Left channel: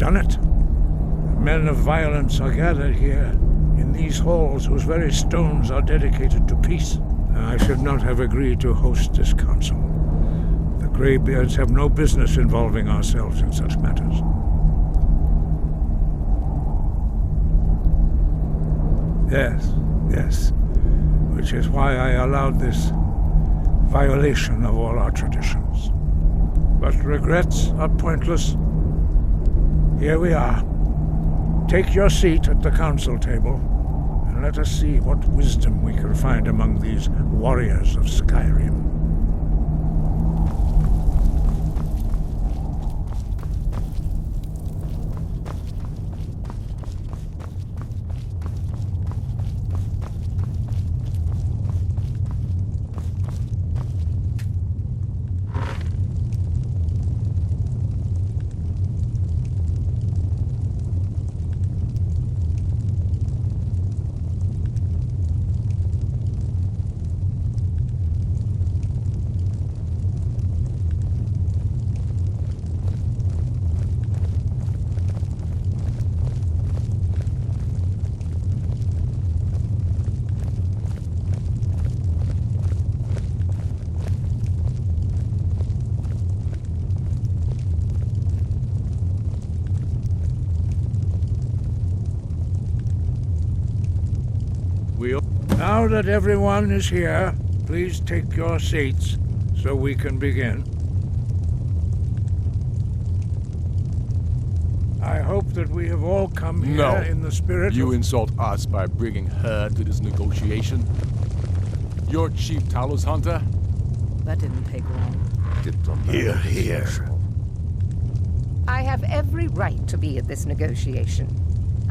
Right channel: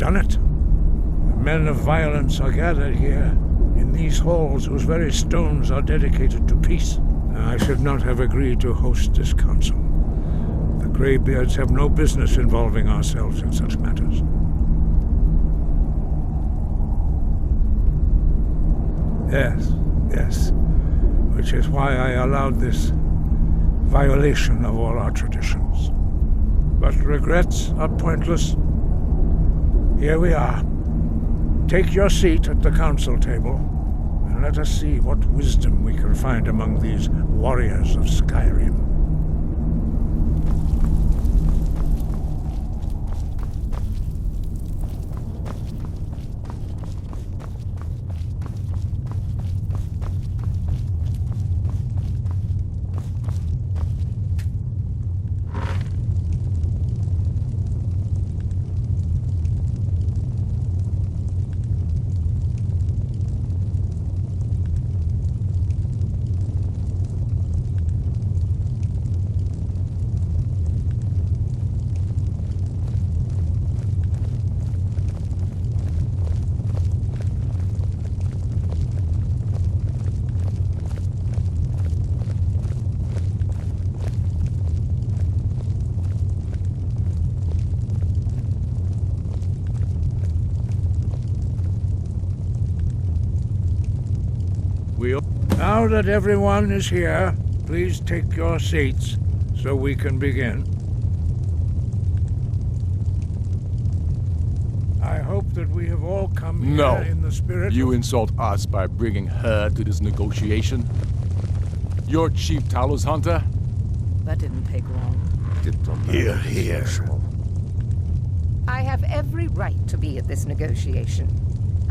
done it. The men of violence are gathered here, in these halls whose very stones are dedicated to peace. I should not have agreed to host this council. The Greybeards have no business involving ourselves in such matters. Yes. Which is why I allowed this violation of all our traditions. But regrets are pointless. Here we are. Take your seat at the council table, and let us see what wisdom we can find among these warriors of Skyrim. Now that everyone is here, please take your seats so we can begin. I hope that we have all come here in the spirit You insult us by bringing her to this negotiation? You're Chief Talos Hunter? That didn't take long. Here. I have every right to be at this negotiation.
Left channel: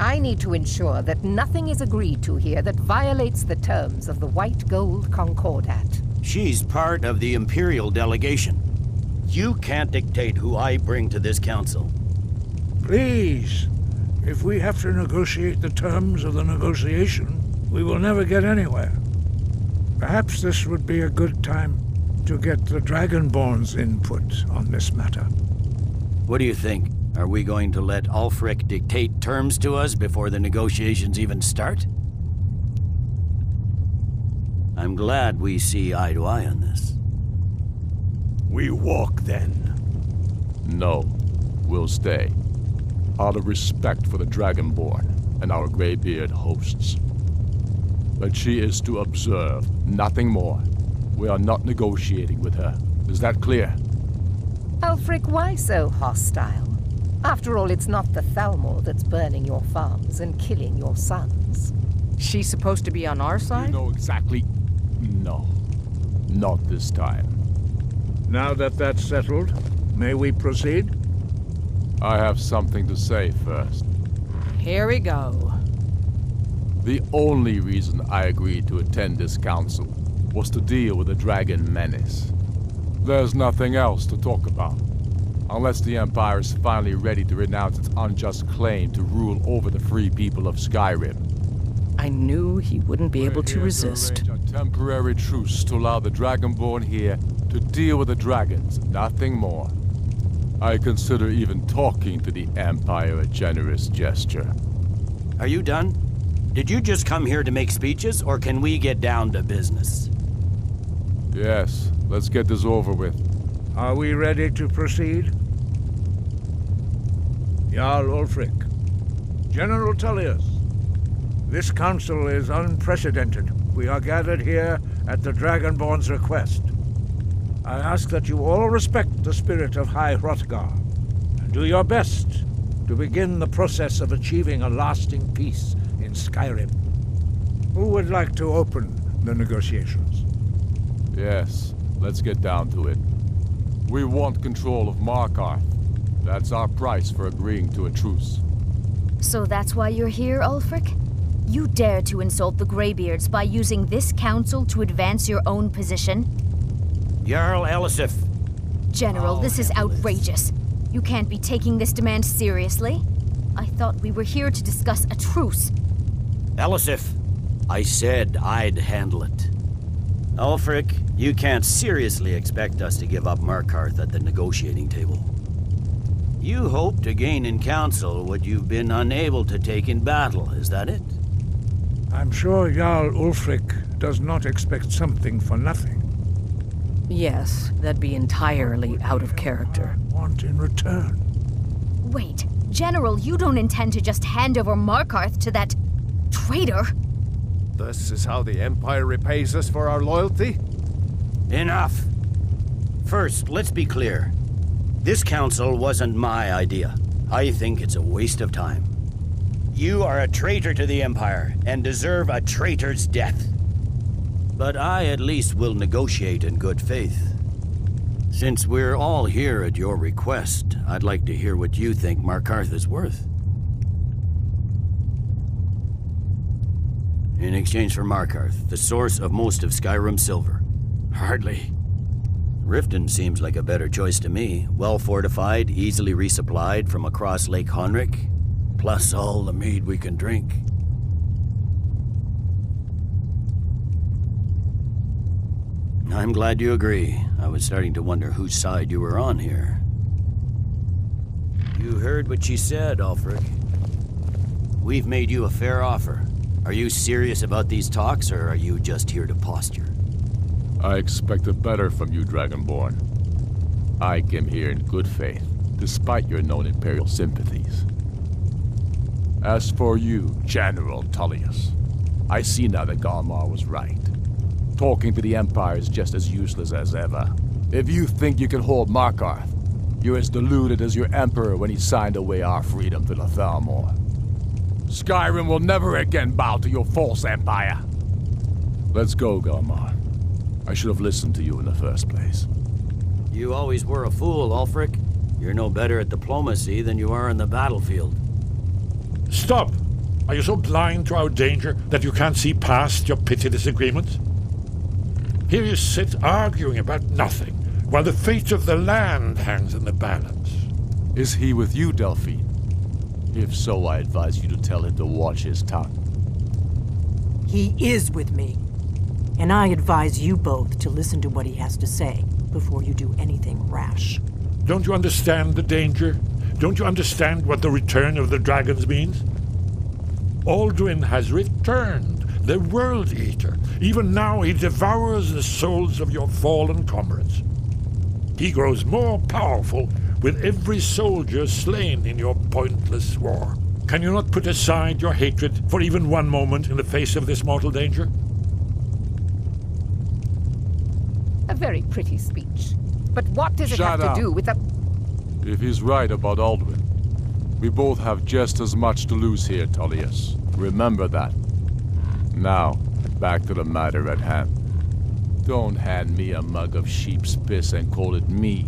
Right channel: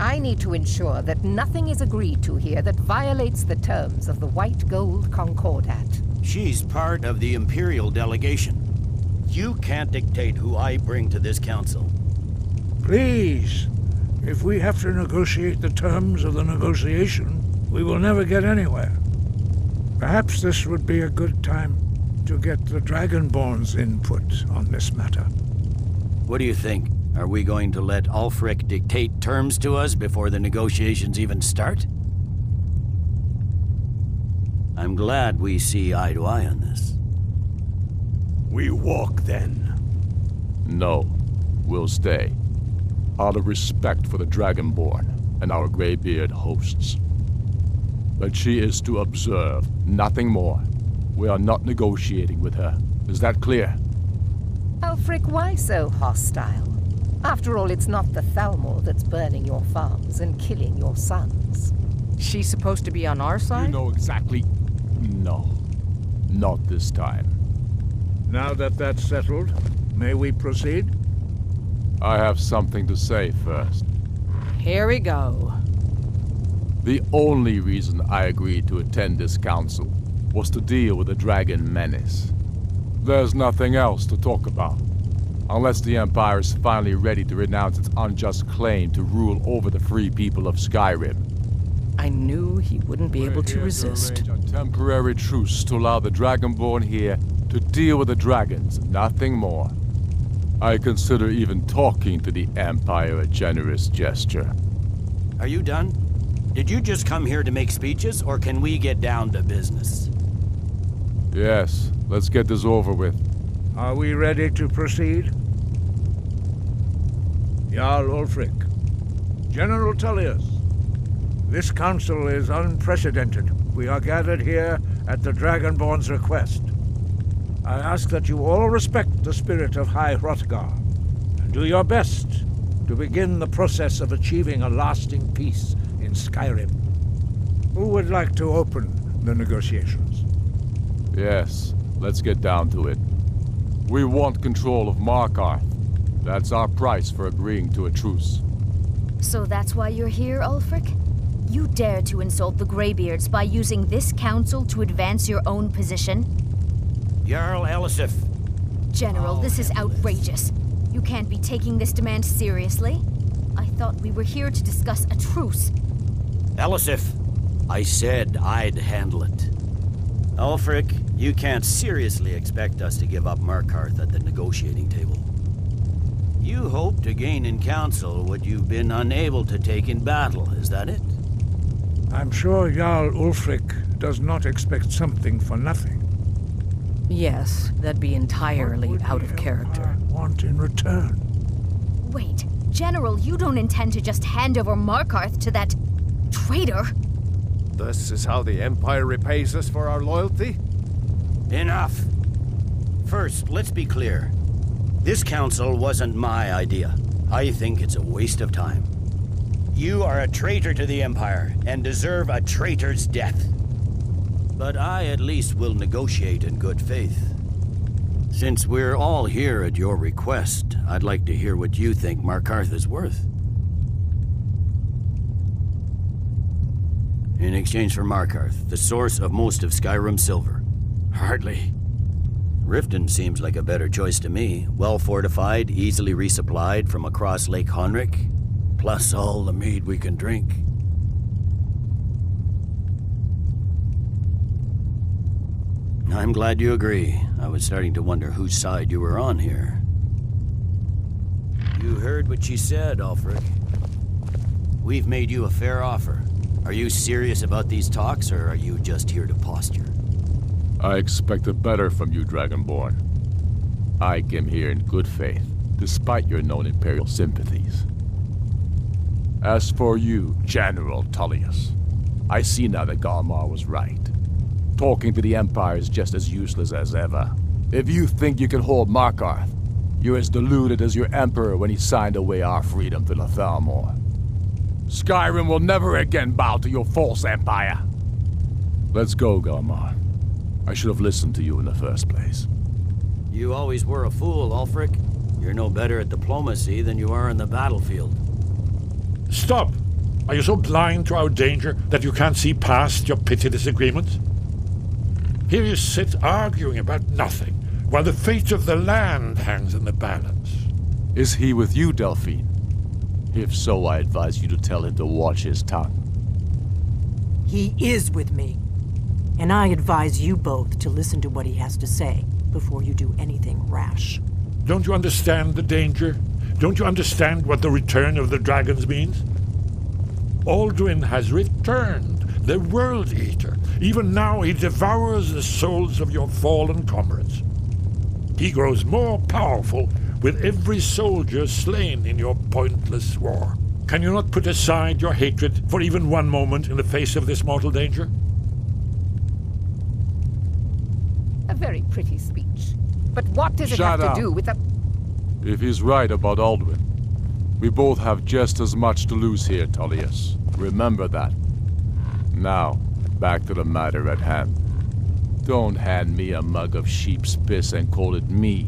I need to ensure that nothing is agreed to here that violates the terms of the White Gold Concordat. She's part of the Imperial delegation. You can't dictate who I bring to this council. Please, if we have to negotiate the terms of the negotiation, we will never get anywhere. Perhaps this would be a good time to get the Dragonborn's input on this matter. What do you think? Are we going to let Ulfric dictate terms to us before the negotiations even start? I'm glad we see eye to eye on this. We walk, then. No. We'll stay. Out of respect for the Dragonborn and our Greybeard hosts. But she is to observe, nothing more. We are not negotiating with her. Is that clear? Ulfric, why so hostile? After all, it's not the Thalmor that's burning your farms and killing your sons. She's supposed to be on our side? You know exactly... No. Not this time. Now that that's settled, may we proceed? I have something to say first. Here we go. The only reason I agreed to attend this council was to deal with the dragon menace. There's nothing else to talk about. Unless the Empire is finally ready to renounce its unjust claim to rule over the free people of Skyrim. I knew he wouldn't be able to resist. To arrange a temporary truce to allow the Dragonborn here to deal with the dragons, nothing more. I consider even talking to the Empire a generous gesture. Are you done? Did you just come here to make speeches, or can we get down to business? Yes, let's get this over with. Are we ready to proceed? Jarl Ulfric. General Tullius. This council is unprecedented. We are gathered here at the Dragonborn's request. I ask that you all respect the spirit of High Hrothgar, and do your best to begin the process of achieving a lasting peace in Skyrim. Who would like to open the negotiations? Yes, let's get down to it. We want control of Markarth. That's our price for agreeing to a truce. So that's why you're here, Ulfric? You dare to insult the Greybeards by using this council to advance your own position? Jarl Elisif. General, this is outrageous. You can't be taking this demand seriously. I thought we were here to discuss a truce. Elisif, I said I'd handle it. Ulfric, you can't seriously expect us to give up Markarth at the negotiating table. You hope to gain in council what you've been unable to take in battle, is that it? I'm sure Jarl Ulfric does not expect something for nothing. Yes, that'd be entirely out of character. Want in return? Wait, General, you don't intend to just hand over Markarth to that traitor? This is how the Empire repays us for our loyalty? Enough! First, let's be clear. This council wasn't my idea. I think it's a waste of time. You are a traitor to the Empire, and deserve a traitor's death. But I at least will negotiate in good faith. Since we're all here at your request, I'd like to hear what you think Markarth is worth. In exchange for Markarth, the source of most of Skyrim's silver. Hardly. Riften seems like a better choice to me. Well fortified, easily resupplied from across Lake Honric, plus all the mead we can drink. I'm glad you agree. I was starting to wonder whose side you were on here. You heard what she said, Ulfric. We've made you a fair offer. Are you serious about these talks, or are you just here to posture? I expected better from you, Dragonborn. I came here in good faith, despite your known Imperial sympathies. As for you, General Tullius, I see now that Galmar was right. Talking to the Empire is just as useless as ever. If you think you can hold Markarth, you're as deluded as your Emperor when he signed away our freedom to the Thalmor. Skyrim will never again bow to your false empire. Let's go, Galmar. I should have listened to you in the first place. You always were a fool, Ulfric. You're no better at diplomacy than you are on the battlefield. Stop! Are you so blind to our danger that you can't see past your petty disagreements? Here you sit arguing about nothing, while the fate of the land hangs in the balance. Is he with you, Delphine? If so, I advise you to tell him to watch his tongue. He is with me. And I advise you both to listen to what he has to say before you do anything rash. Don't you understand the danger? Don't you understand what the return of the dragons means? Alduin has returned, the World Eater. Even now he devours the souls of your fallen comrades. He grows more powerful with every soldier slain in your pointless war. Can you not put aside your hatred for even one moment in the face of this mortal danger? A very pretty speech. But what does it Shut have up. to do with the... If he's right about Alduin, we both have just as much to lose here, Tullius. Remember that. Now, back to the matter at hand. Don't hand me a mug of sheep's piss and call it mead.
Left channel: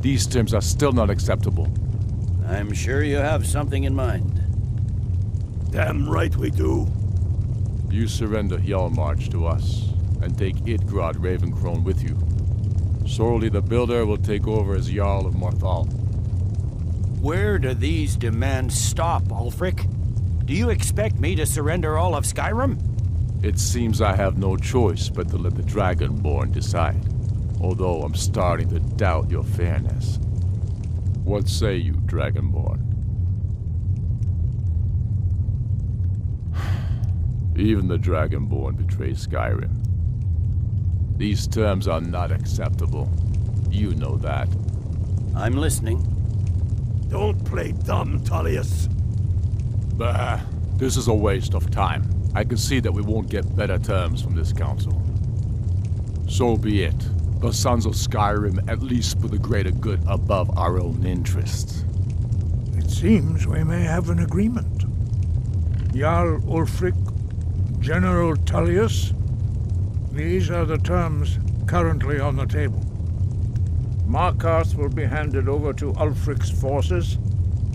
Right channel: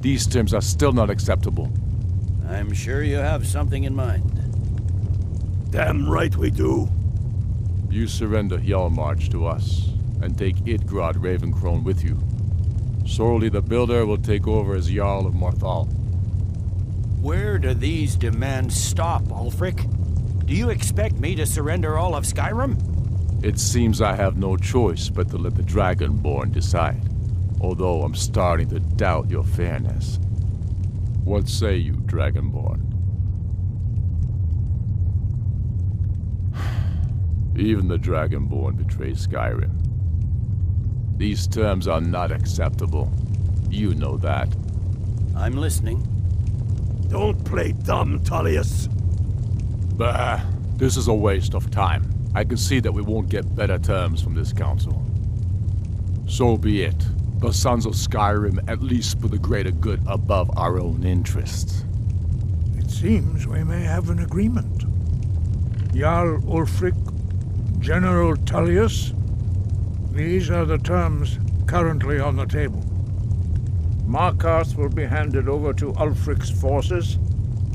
These terms are still not acceptable. I'm sure you have something in mind. Damn right we do. You surrender Hjalmarch to us, and take Idgrod Ravencrone with you. Sorli the Builder will take over as Jarl of Morthal. Where do these demands stop, Ulfric? Do you expect me to surrender all of Skyrim? It seems I have no choice but to let the Dragonborn decide, although I'm starting to doubt your fairness. What say you, Dragonborn? Even the Dragonborn betray Skyrim. These terms are not acceptable. You know that. I'm listening. Don't play dumb, Tullius. Bah, this is a waste of time. I can see that we won't get better terms from this council. So be it. The Sons of Skyrim at least put the greater good above our own interests. It seems we may have an agreement. Jarl Ulfric, General Tullius, these are the terms currently on the table. Markarth will be handed over to Ulfric's forces,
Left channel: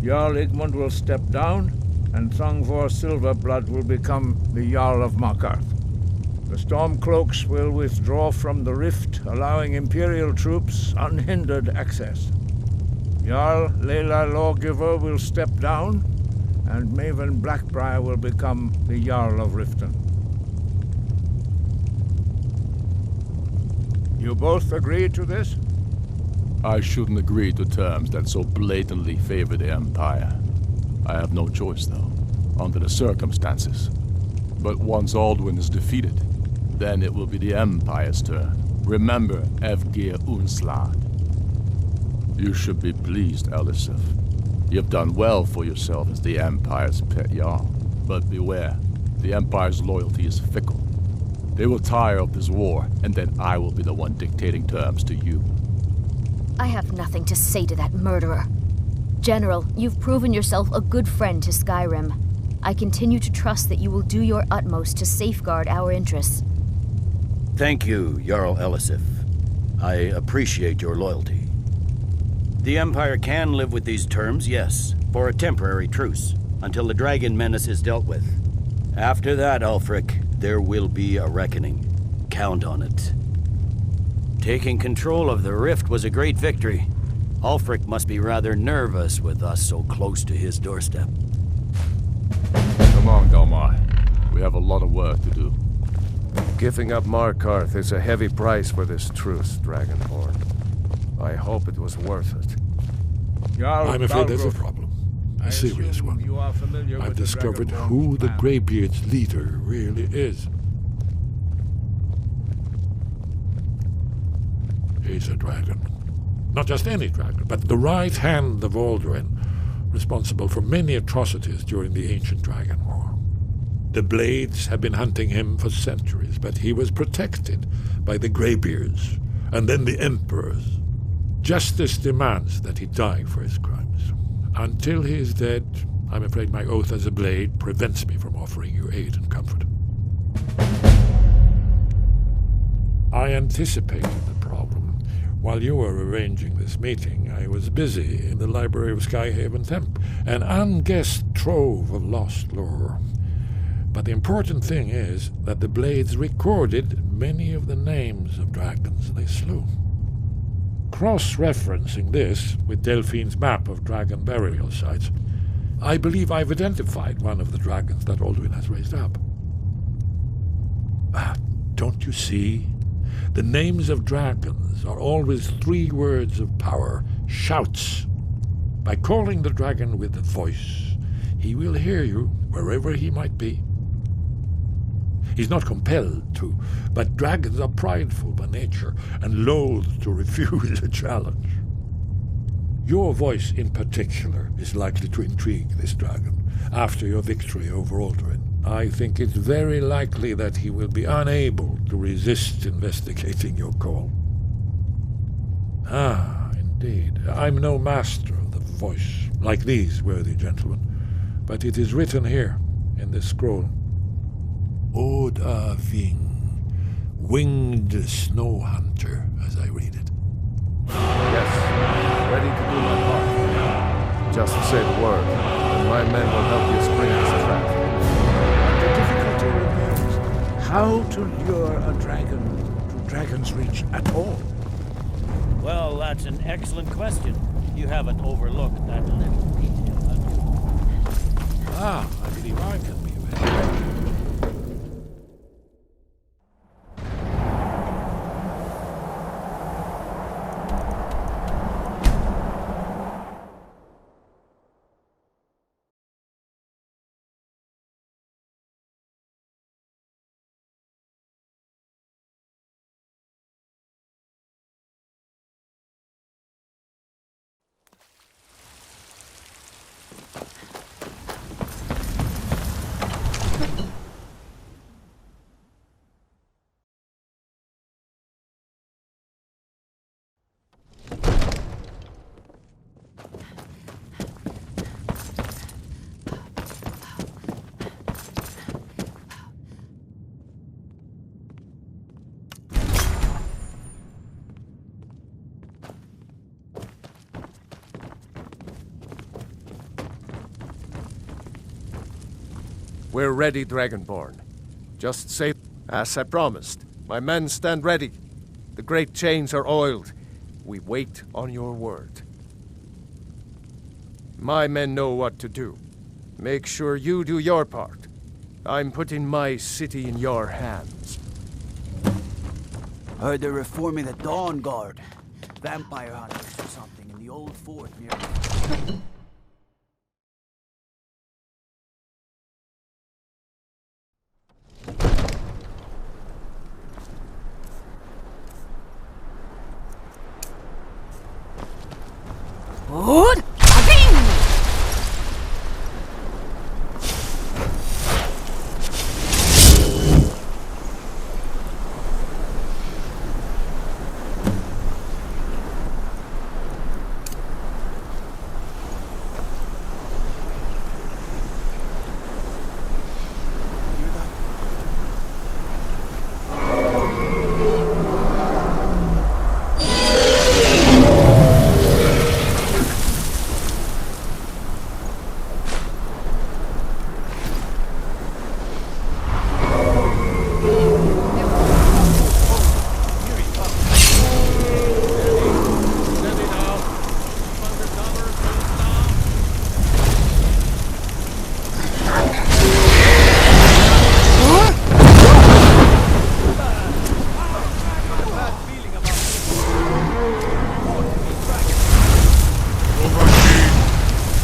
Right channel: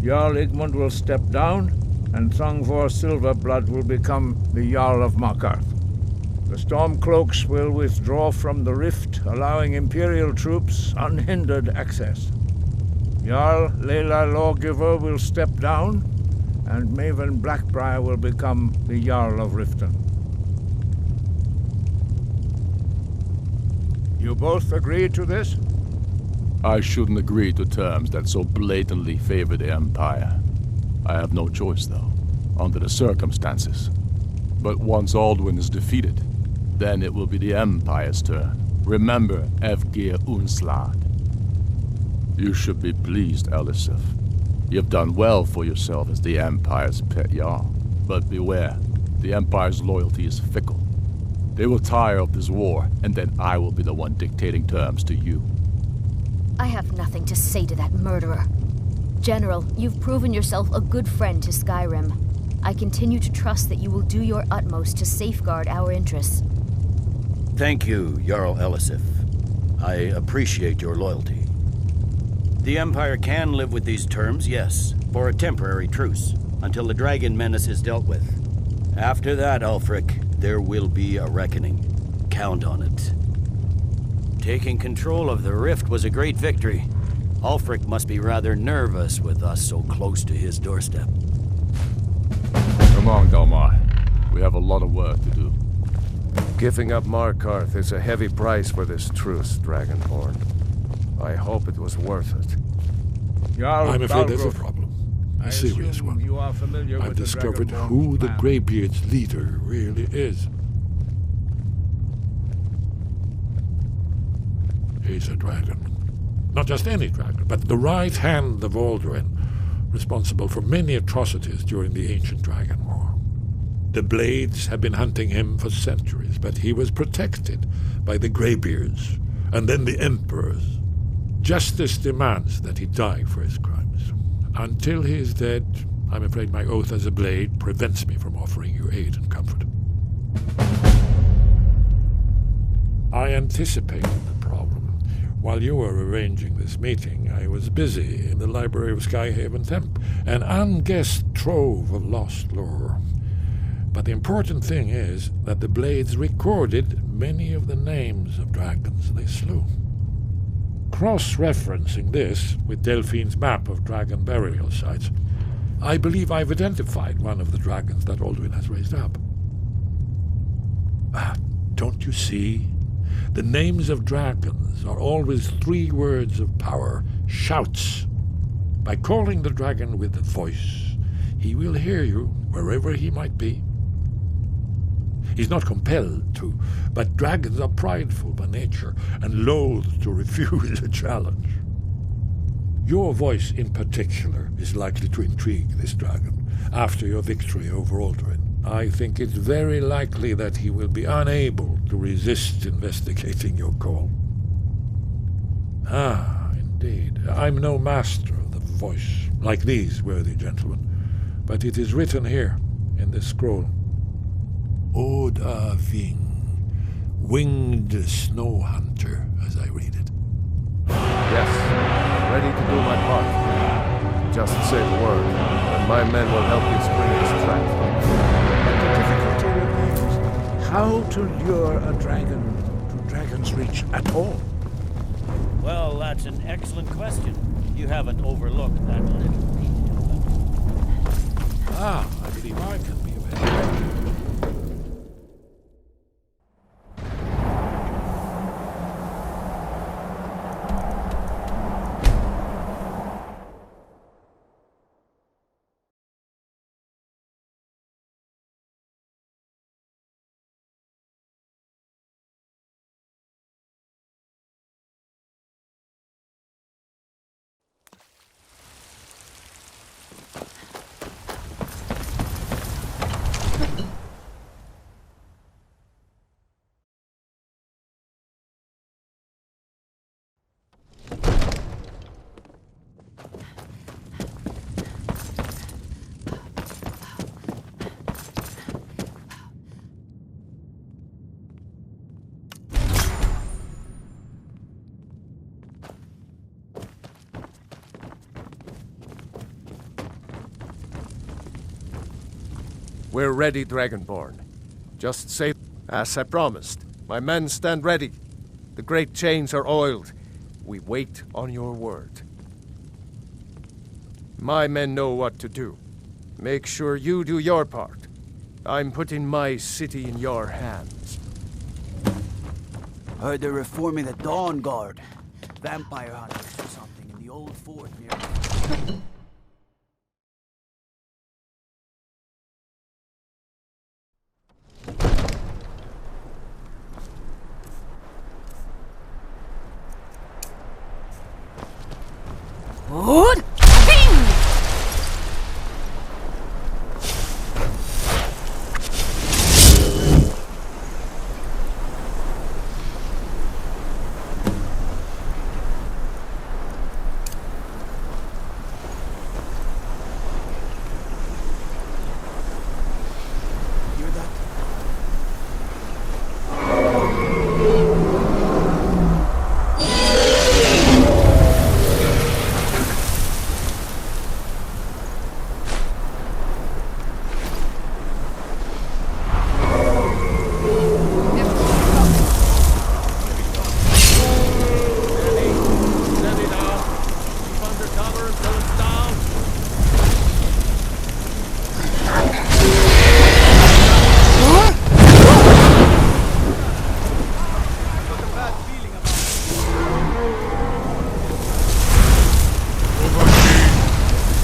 Jarl Igmund will step down, and Thongvor Silverblood will become the Jarl of Markarth. The Stormcloaks will withdraw from the rift, allowing Imperial troops unhindered access. Jarl Leila Lawgiver will step down, and Maven Blackbriar will become the Jarl of Riften. You both agree to this? I shouldn't agree to terms that so blatantly favor the Empire. I have no choice, though, under the circumstances. But once Alduin is defeated, then it will be the Empire's turn. Remember Evgir Unslad. You should be pleased, Elisif. You've done well for yourself as the Empire's pet Jarl. But beware, the Empire's loyalty is fickle. They will tire of this war, and then I will be the one dictating terms to you. I have nothing to say to that murderer. General, you've proven yourself a good friend to Skyrim. I continue to trust that you will do your utmost to safeguard our interests. Thank you, Jarl Elisif. I appreciate your loyalty. The Empire can live with these terms, yes, for a temporary truce, until the dragon menace is dealt with. After that, Ulfric, there will be a reckoning. Count on it. Taking control of the rift was a great victory. Ulfric must be rather nervous with us so close to his doorstep. Come on, Dalmar. We have a lot of work to do. Giving up Markarth is a heavy price for this truce, Dragonborn. I hope it was worth it. I'm afraid there's a problem. A serious one. I've discovered who the Greybeard's leader really is. He's a dragon. Not just any dragon, but the right hand of Alduin, responsible for many atrocities during the Ancient Dragon War. The Blades have been hunting him for centuries, but he was protected by the Greybeards, and then the Emperors. Justice demands that he die for his crimes. Until he is dead, I'm afraid my oath as a Blade prevents me from offering you aid and comfort. I anticipated the problem. While you were arranging this meeting, I was busy in the library of Skyhaven Temp, an unguessed trove of lost lore. But the important thing is that the Blades recorded many of the names of dragons they slew. Cross-referencing this with Delphine's map of dragon burial sites, I believe I've identified one of the dragons that Alduin has raised up. Don't you see? The names of dragons are always 3 words of power, shouts. By calling the dragon with a voice, he will hear you wherever he might be. He's not compelled to, but dragons are prideful by nature and loath to refuse a challenge. Your voice in particular is likely to intrigue this dragon after your victory over Alduin. I think it's very likely that he will be unable to resist investigating your call. Indeed. I'm no master of the voice, like these worthy gentlemen, but it is written here in this scroll. Oda Ving, winged snow hunter, as I read it. Yes, I'm ready to do my part. Just say the word, and my men will help you spring this trap. But the difficulty remains how to lure a dragon to Dragon's Reach at all. Well, that's an excellent question. You haven't overlooked that little detail. I believe I can be of help. We're ready, Dragonborn. Just say, as I promised, my men stand ready. The great chains are oiled. We wait on your word. My men know what to do. Make sure you do your part. I'm putting my city in your hands. Heard they're reforming the Dawn Guard. Vampire hunters or something in the old fort near... Good. Aving! Hear that? Steady now. Keep under cover until it's down.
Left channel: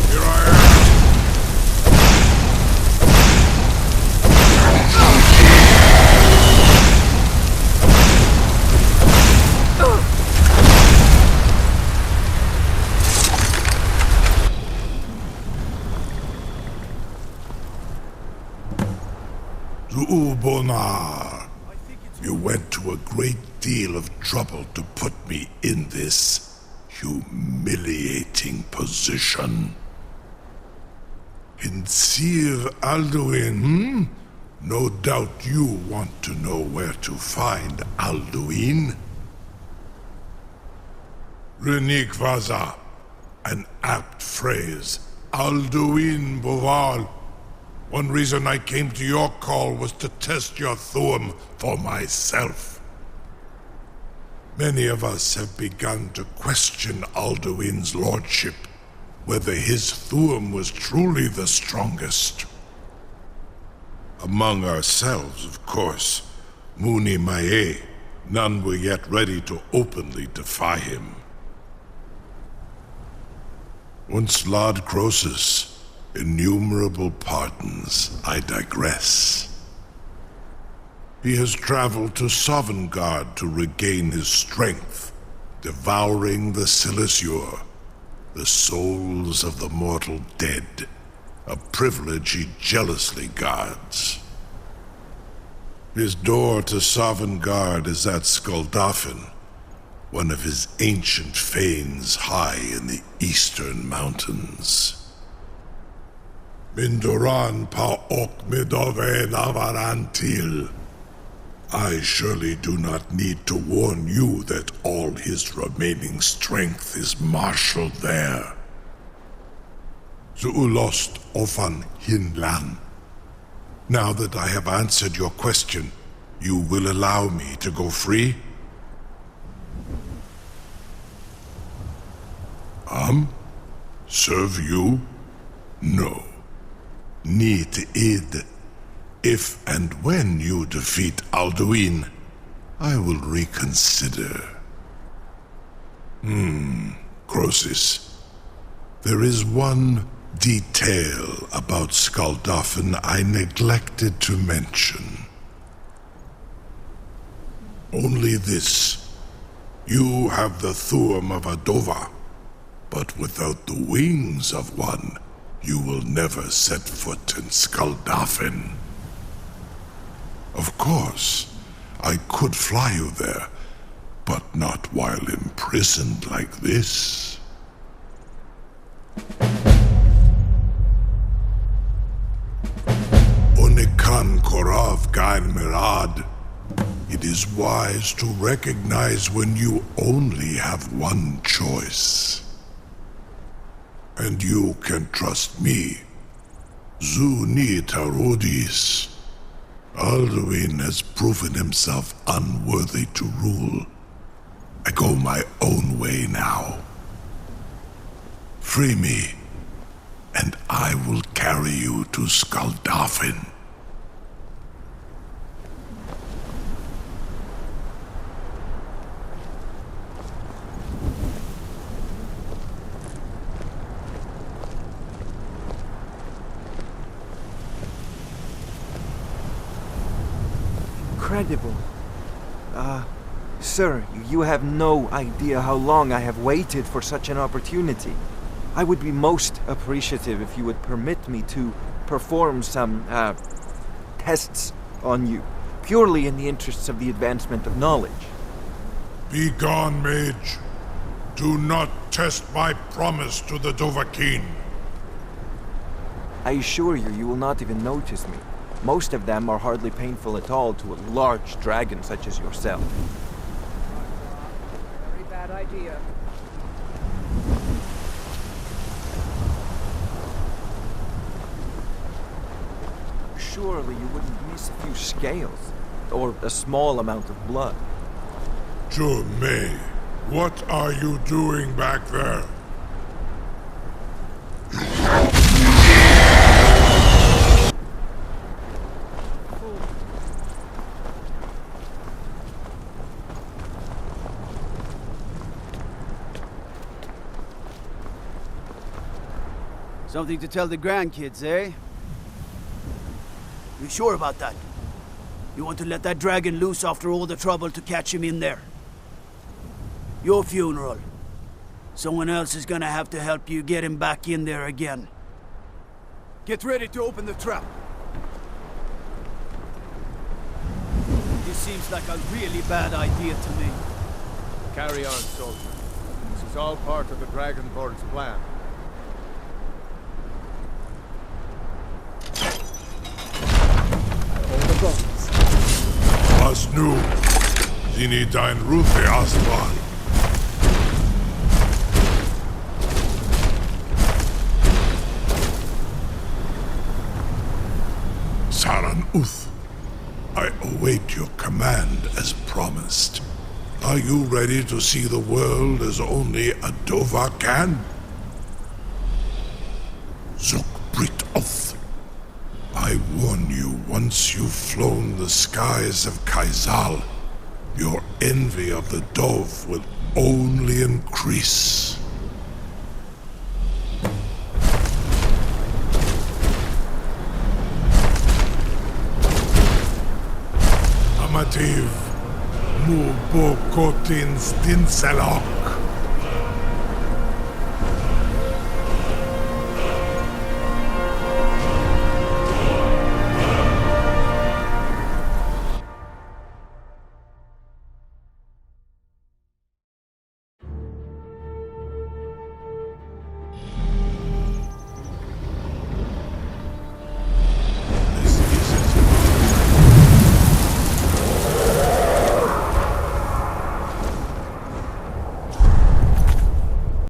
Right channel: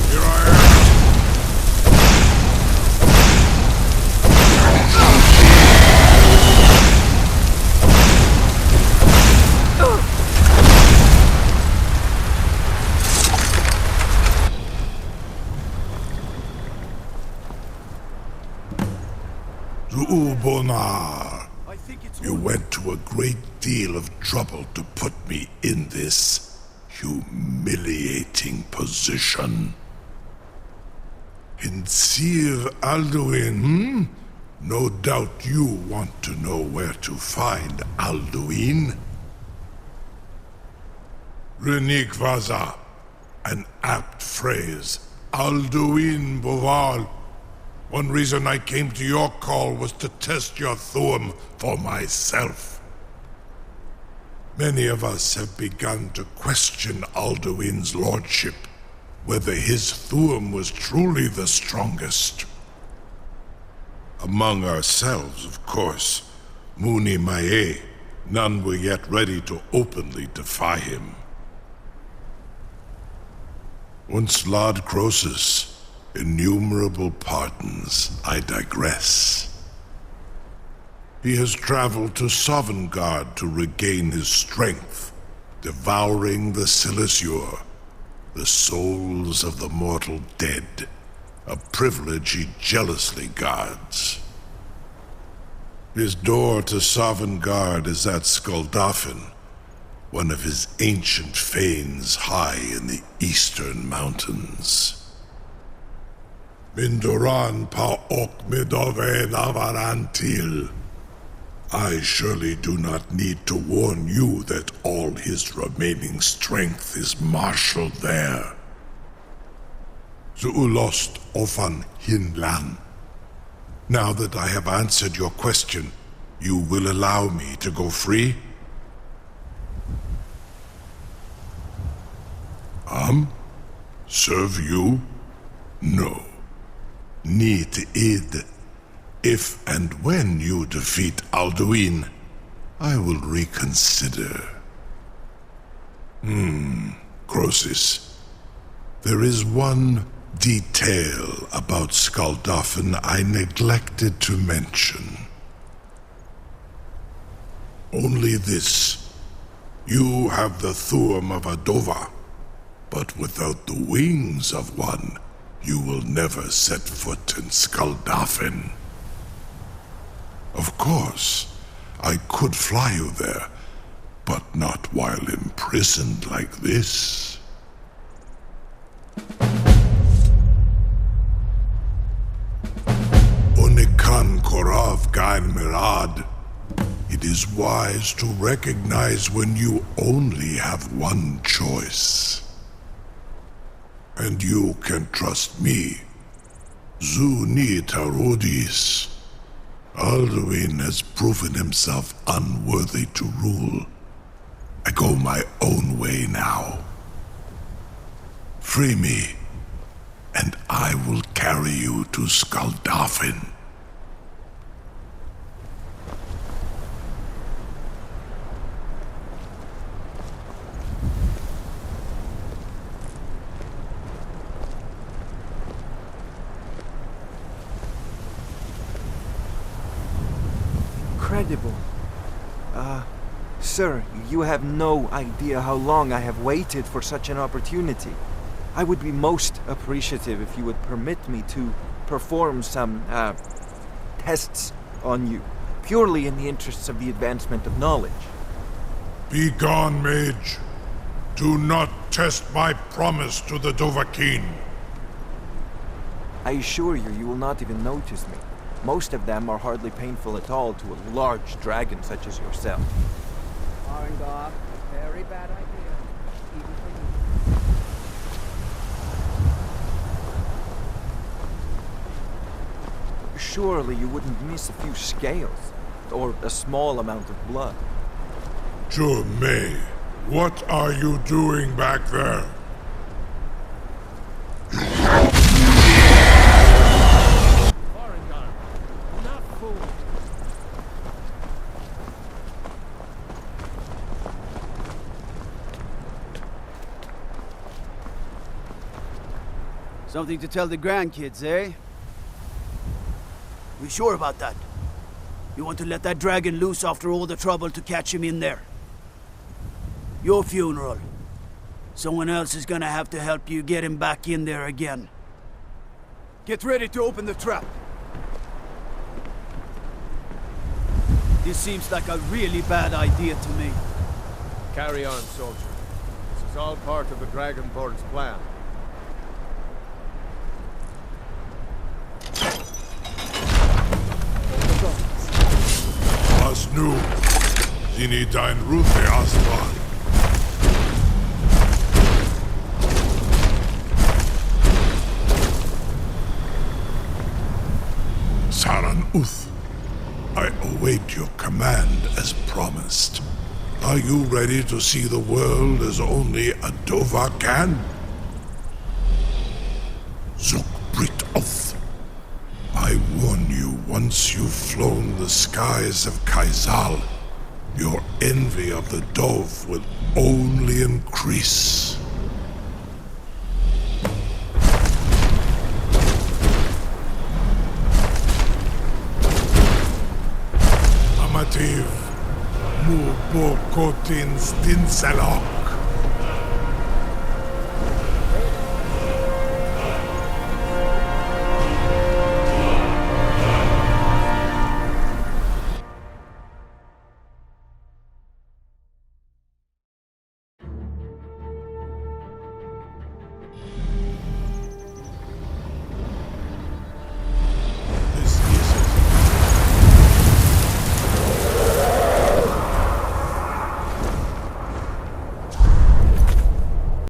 Here I am. Zuubonar, you went to a great deal of trouble to put me in this humiliating position. In Sir Alduin, No doubt you want to know where to find Alduin. Renikvaza, an apt phrase. Alduin Boval. One reason I came to your call was to test your Thuum for myself. Many of us have begun to question Alduin's lordship, whether his Thuum was truly the strongest. Among ourselves, of course, Muni Mae, none were yet ready to openly defy him. Once Lord Croesus, innumerable pardons, I digress. He has traveled to Sovngarde to regain his strength, devouring the Silesure, the souls of the mortal dead, a privilege he jealously guards. His door to Sovngarde is at Skuldafn, one of his ancient fanes high in the eastern mountains. Mindoran pa ok midove navarantil. I surely do not need to warn you that all his remaining strength is marshaled there. Zuulost ofan hinlan. Now that I have answered your question, you will allow me to go free? Serve you? No. Need id. If and when you defeat Alduin, I will reconsider. Croesus. There is one detail about Skuldafn I neglected to mention. Only this. You have the Thuum of Adova, but without the wings of one, you will never set foot in Skuldafn. Of course, I could fly you there, but not while imprisoned like this. Onikan Korav Gain Mirad. It is wise to recognize when you only have one choice. And you can trust me. Zuni Tarudis. Alduin has proven himself unworthy to rule. I go my own way now. Free me, and I will carry you to Skuldafn. incredible. Sir, you have no idea how long I have waited for such an opportunity. I would be most appreciative if you would permit me to perform some, tests on you, purely in the interests of the advancement of knowledge. Be gone, mage. Do not test my promise to the Dovahkiin. I assure you, you will not even notice me. Most of them are hardly painful at all to a large dragon such as yourself. Very bad idea. Surely you wouldn't miss a few scales, or a small amount of blood. May, what are you doing back there? Something to tell the grandkids, eh? You sure about that? You want to let that dragon loose after all the trouble to catch him in there? Your funeral. Someone else is gonna have to help you get him back in there again. Get ready to open the trap. This seems like a really bad idea to me. Carry on, soldier. This is all part of the Dragonborn's plan. Was nu, Dini dein Rufe Aslan. Saran Uth, I await your command as promised. Are you ready to see the world as only a Dova can? Zuk Brit Oth. I warn you, once you've flown the skies of Kaizal, your envy of the Dove will only increase. Amativ, mu bo kotin stinsela.